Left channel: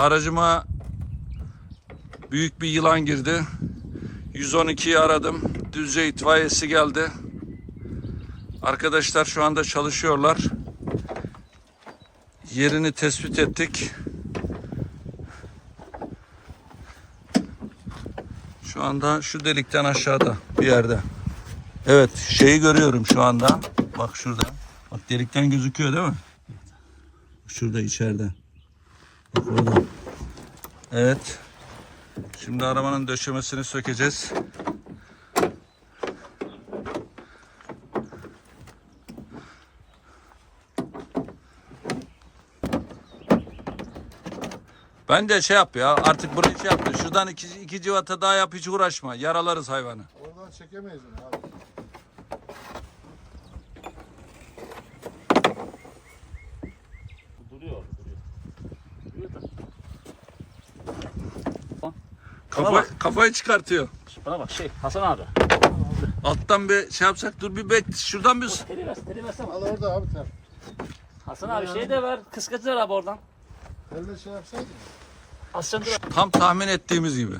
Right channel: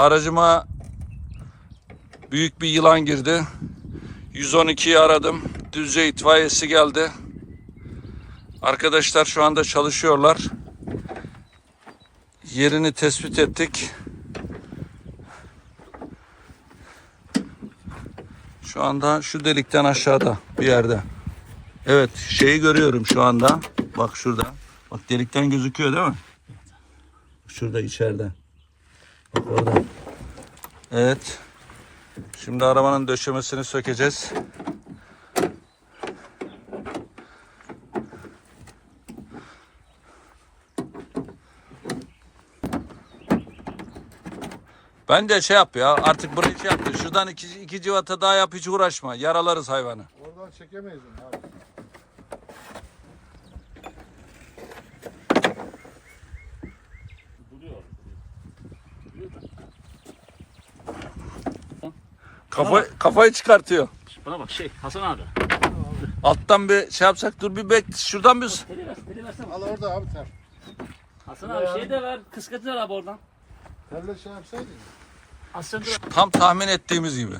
Aracıma büyük bir yılan girdi. 112'yi aradım. Düzce itfaiyesi geldi. Arkadaşlar şu anda çalışıyorlar. Yerini tespit ettik. Şu anda şu delikten aşağıda bir yerde. Evet şeyi görüyorum şu anda. Bak şurada. Bak delikten gözüküyor değil mi? Şurada içeriden. Evet. Şimdi arabanın döşemesini sökeceğiz. Ben de şey yap ya artık burayı şey yaptı. Şuradan iki, iki civata daha yap hiç uğraşma. Yaralarız hayvanı. Oradan çekemeyiz onu abi. Kafa, kafayı çıkartıyor. Bana bak şey Hasan abi. Alttan bir şey yapsak dur bir bek şuradan bir. Teli ver, teli versene. Al orada abi ter. Hasan abi şey de ver. Kıskacı abi oradan. Terle şey yapsaydın ya. Tam tahmin ettiğimiz gibi.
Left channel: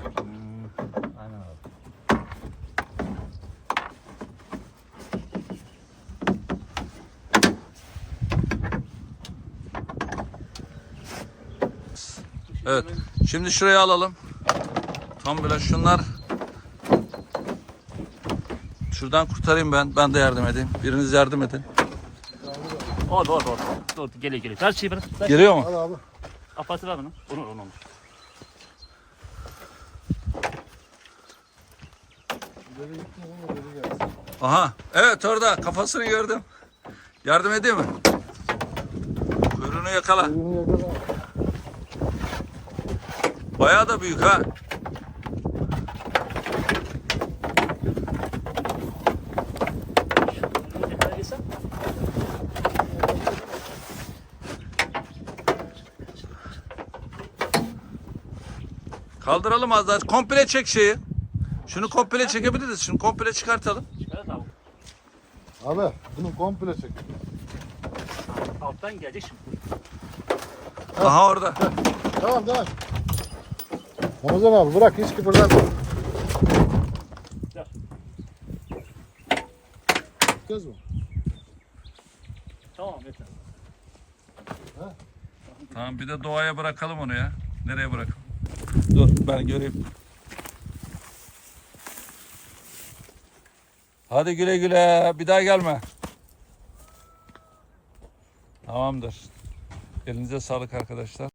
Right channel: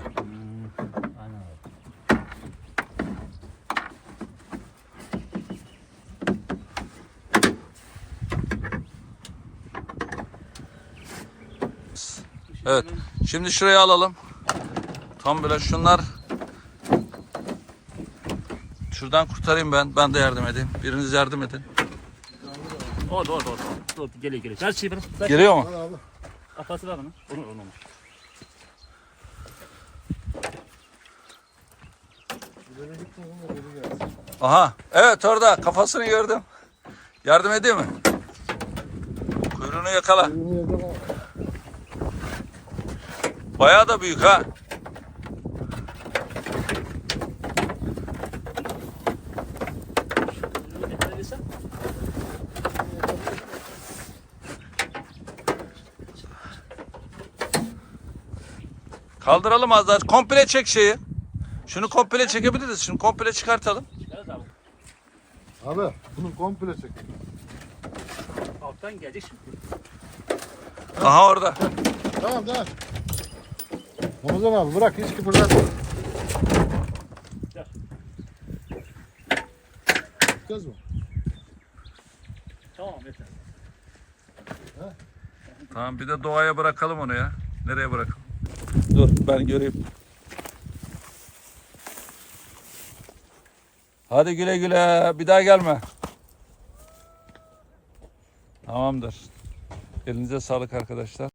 Evet. Şimdi şuraya alalım. Tam böyle şunlar. Şuradan kurtarayım ben. Ben de yardım edeyim. Biriniz yardım edin. Oldu oldu oldu. Dur geliyor geliyor. Ver şeyi bırak. Ver. Geliyor mu? Al abi. Apası ver bunu. Onu onu. Aha. Evet orada kafasını gördüm. Yardım edeyim mi? Kuyruğunu yakala. Kuyruğunu yakala. Bayağı da büyük ha. Kaldıralım az daha. Komple çek şeyi. Şunu komple çekebiliriz. Şunu komple çıkartalım. Abi bunu komple çek. Alttan gelecek şimdi. Aha orada. Tamam tamam. Ramazan abi bırak hiç kıpırdatma. Söz mü? Tamam yeter. Tamam bir de doğaya bırakalım onu ya. Nereye bırakalım? Dur ben göreyim. Hadi güle güle. Bir daha gelme. Tamamdır. Elinize sağlık arkadaşlar.